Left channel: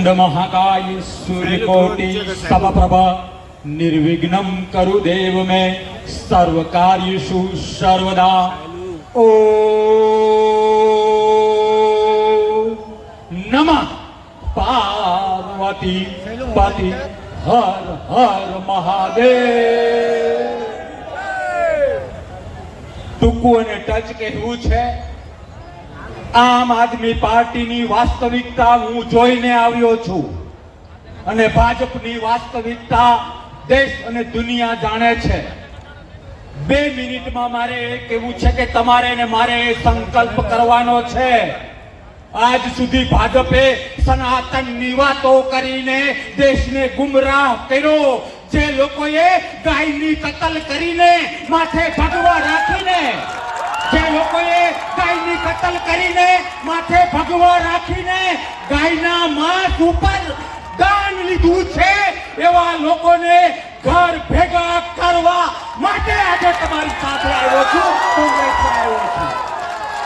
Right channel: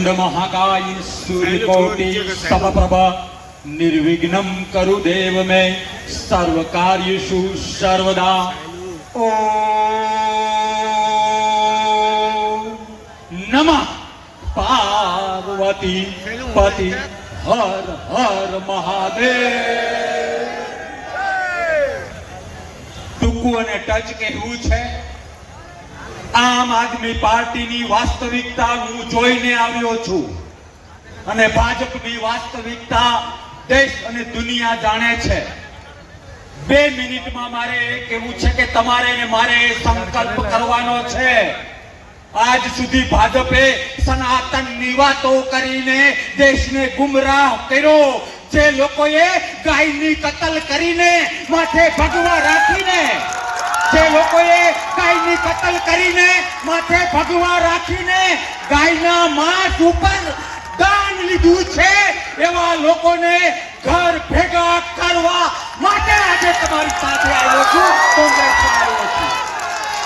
वक्रतुंड महाकाय सूर्यकोटि समप्रभ निर्विघ्नं कुरु देव मे सर्व कार्येषु सर्वदा। ओ नमः पार्वती पति हर हर महादेव। ટૂંકું અને ટચ કહેવું છે। આમ આદમી પાર્ટીની વાસ્તવિકતા હું જોઈને આવ્યો છું અને ભાજપની વાસ્તવિકતા દેશ અને દુનિયા જાણે છે। 2 મિનિટમાં મારે એ કહેવું છે કે તમારે ને મારે સંકલ્પ કરવાનો છે। આજ સુધી ભાજપે સનાતનની વાતો કરીને દેશને ગુમરાહ કર્યો। જે લોકોએ ગાયની કતલ કરીને માથે ભગવા રાખીને જે લોકોએ ગાયની કતલ કરીને માથે ભગવા રાખીને ગાયના માંસ ઉપર દાન લીધું છે એવા લોકોને ઘર ભેગા કરવા માટે આજે તમારી સાથે આવ્યો છું, કોંગ્રેસમાં આવ્યો છું।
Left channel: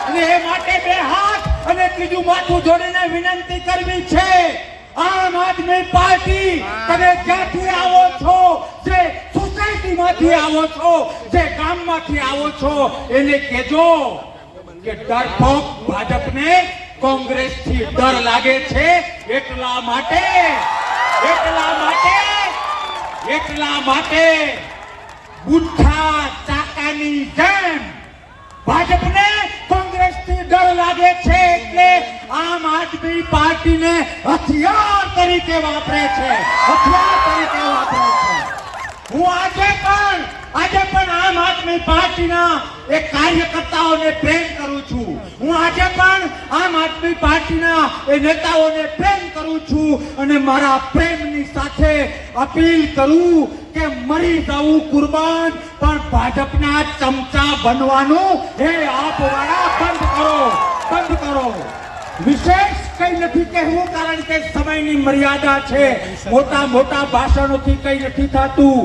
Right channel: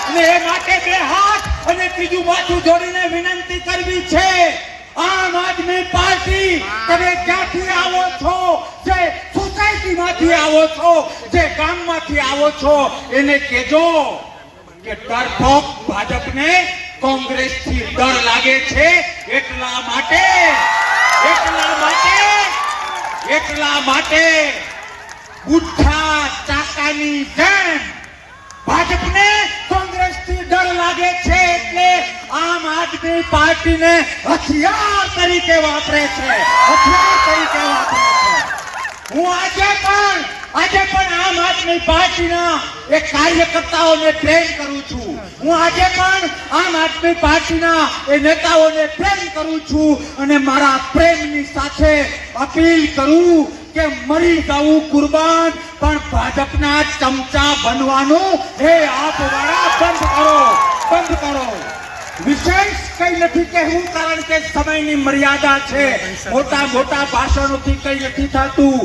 અને એ માટે 2 હાથ અને ત્રીજું માથું જોડીને વિનંતી કરવી છે। આમ આદમી પાર્ટી તમે ક્યાંથી આવો છો, જે સોસાયટીમાંથી આવો છો, જે ગામમાંથી આવો છો, એને કહેજો કે ડરપોક ભાજપને કોંગ્રેસથી ડર લાગે છે। એટલા માટે બુદ્ધા ચાકાની જેમ ભાજપને કોંગ્રેસથી ડર લાગે છે એટલે આમ આદમી પાર્ટીને હથિયાર તરીકે વાપરે છે। હું આજે પણ આમ આદમી પાર્ટીના એક કાર્યકર્તાઓને પ્રેમ કરું છું। હું આજે પણ આમ આદમી પાર્ટીના એ નેતાઓને પ્રેમ કરું છું અને મારા પ્રેમની સાથે અપીલ કરું કે મરી જવું કુરબાન પણ ભાજપના ચમચા બનવાનું એ આપવાળા બંધ કરો। વિશેષ કઈ નથી કહેવું કારણ કે સમયની મર્યાદા છે। મોટા ભાષણોથી કઈ નથી થતું।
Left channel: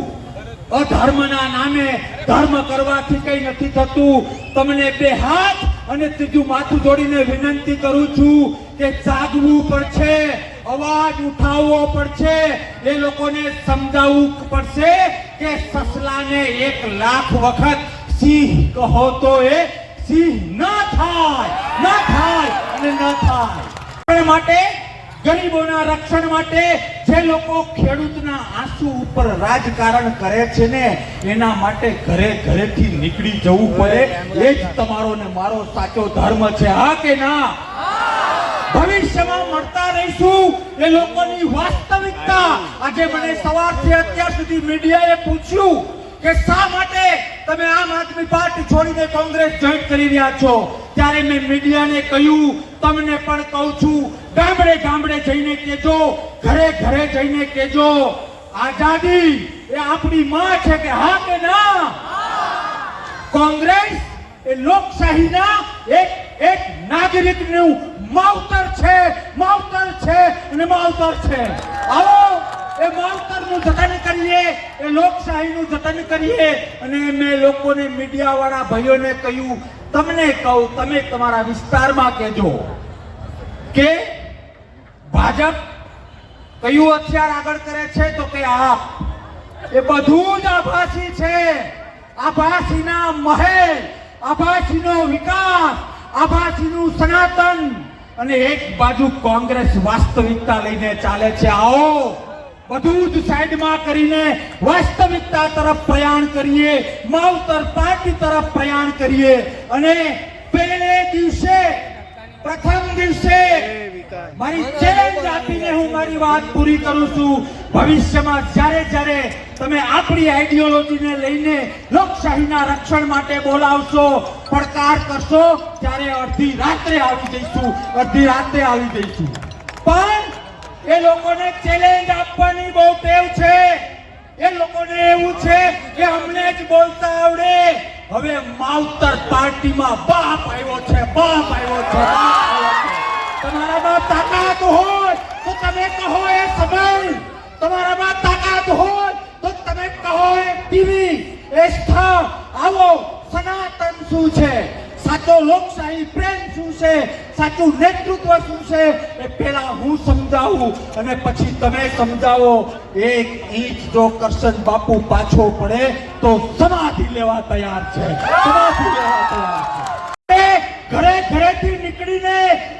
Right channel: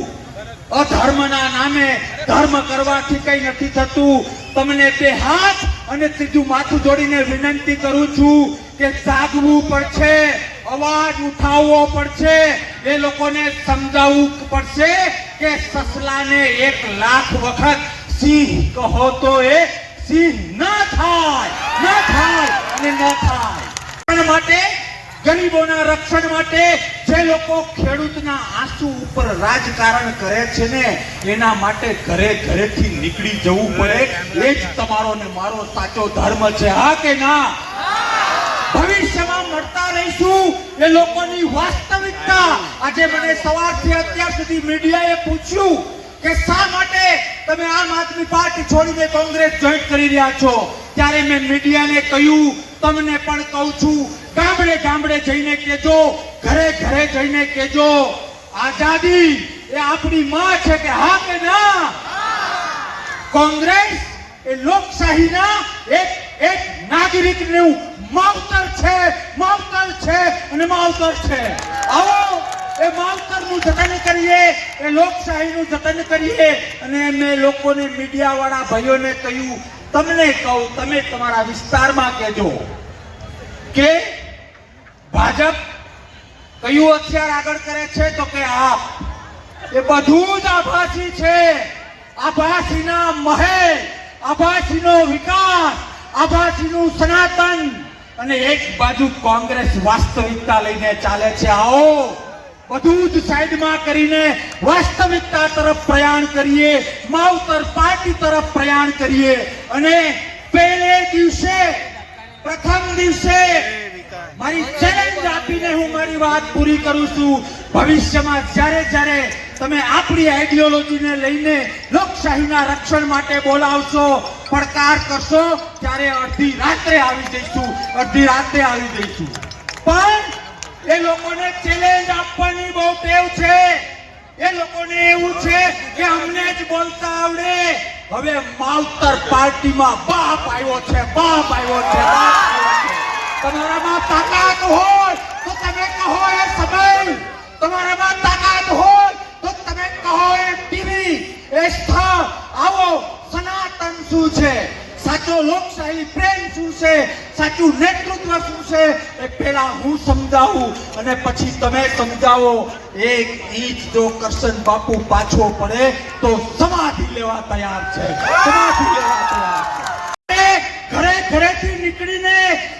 અધર્મના નામે ધર્મ કરવાથી કઈ નથી થતું। તમને 2 હાથ અને ત્રીજું માથું જોડીને વિનંતી કરું છું કે જાગવું પડશે, અવાજ ઉઠાવવો પડશે। એ લોકોને સમજાવવું પડશે કે સસલાને 1 લાખ વખત સિંહ કહો તો એ સિંહ ન થાય। એના માટે ગરીબોના રક્ષણ માટે જે લોકો ખેડૂતના આંસુ ઉપર રાજકારણ કરે છે ને એના માટે ઘરેથી નીકળી જવું પડે। એ જ તમારો ને મારો સાચો ધર્મ છે। હા કે ના? ભવિષ્યમાં મળતા રહીશું એ લોકોની વાસ્તવિકતા। આજે મને સવારથી અત્યાર સુધી મીડિયાએ પૂછ્યું કે શા માટે તમે આમ આદમી પાર્ટી છોડીને કોંગ્રેસ જોઈન કરી રહ્યા છો, ત્યારે મેં મીડિયાને કહ્યું, તમને પણ કહું છું, ગામડે જઈને કહેજો, ઘરે જઈને કહેજો, આઝાદી એ આપણી માં છે કે હા કે ના? કોંગ્રેસ એ લોકશાહીના એક નાગરિકનું માવતર છે અને માવતર છે। આવો એ માવતરનું જતન કરીએ, એ લોકશાહીનું જતન કરીએ। અને મેં લોકોને મીડિયાવાળા ભાઈઓને કહ્યું, તમને કહું, તમે તમારા વિસ્તારમાં કહેજો કે ભાજપ કયું હથિયાર આગળ કરે છે તો કે આપ। એ બધું જ આભાસી છે। આભાસીના મહેલ, આભાસીનો વિકાસ, આભાસીનું સનાતન અને એક બાજુ કોંગ્રેસ વાસ્તવિકતા લઈને ચાલે છે। આવો બધું જ સાઈડમાં કરીને વાસ્તવિકતા તરફ પ્રયાણ કરીએ, માવતર પાર્ટી તરફ પ્રયાણ કરીએ। અને પ્રથમ દિવસે મારી ચેલેન્જ આપીને હું મારી વાત પૂરી કરું છું। ભવિષ્યમાં જ્યારે તમે આપણી આઈડિયોલોજીને લઈને લોકશાહીના રક્ષણ માટે બોલાવશો, પડકાર કરશો, ત્યારે અડધી રાત્રે આવી જઈશું। પણ એ લોકોને ચેલેન્જ આપવાની બહુ ટેવ છે। એ લોકોને એવું છે કે અમને જ બોલતા આવડે। હવે માવતર પાર્ટીમાં બાપ આવ્યો છે। તમારામાં તાકાત હોય તો તમે કહો એ સમય, તમારામાં તાકાત હોય તો તમે કહો એ ટીવી, એ સ્થળ। આવો સનાતન શું છે, સાચો લોકશાહી પ્રેમ શું છે, સાચું નેતૃત્વ શું છે એ પહેલા હું સમજાવું અને પછી તમે સમજાવો. એક ઇંચ જો કરશન બાપુ પાછો પડે તો સમાધિ લેવા તૈયાર છે, સમાધિ લેવા તૈયાર છે. ઘરે ઘરેથી નીકળીને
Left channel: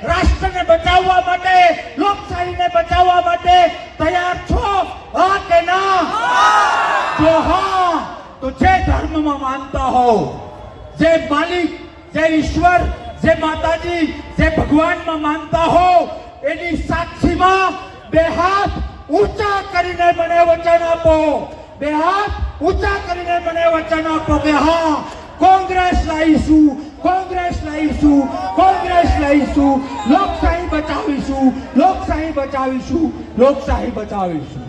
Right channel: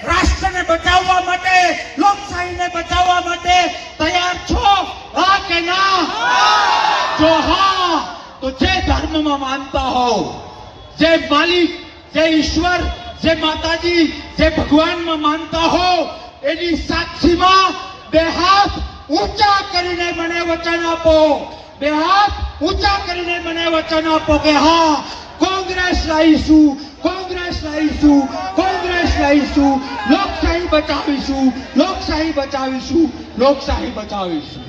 રાષ્ટ્રને બચાવવા માટે, લોકશાહીને બચાવવા માટે તૈયાર છો? હા કે ના? જો હા તો જે ધર્મમાં માનતા હો, જે માલિક, જે ઈશ્વર, જે માતાજી, જે ભગવાનમાં માનતા હો, એની સાક્ષીમાં બે હાથ ઊંચા કરીને મને વચન આપો. બે હાથ ઊંચા કરીને મને વચન આપો કે હા, કોંગ્રેસ લાવીશું, કોંગ્રેસ લાવીશું, કોંગ્રેસ લાવીશું, લોકશાહી બચાવીશું, લોકશાહી બચાવીશું, લોકશાહી બચાવીશું.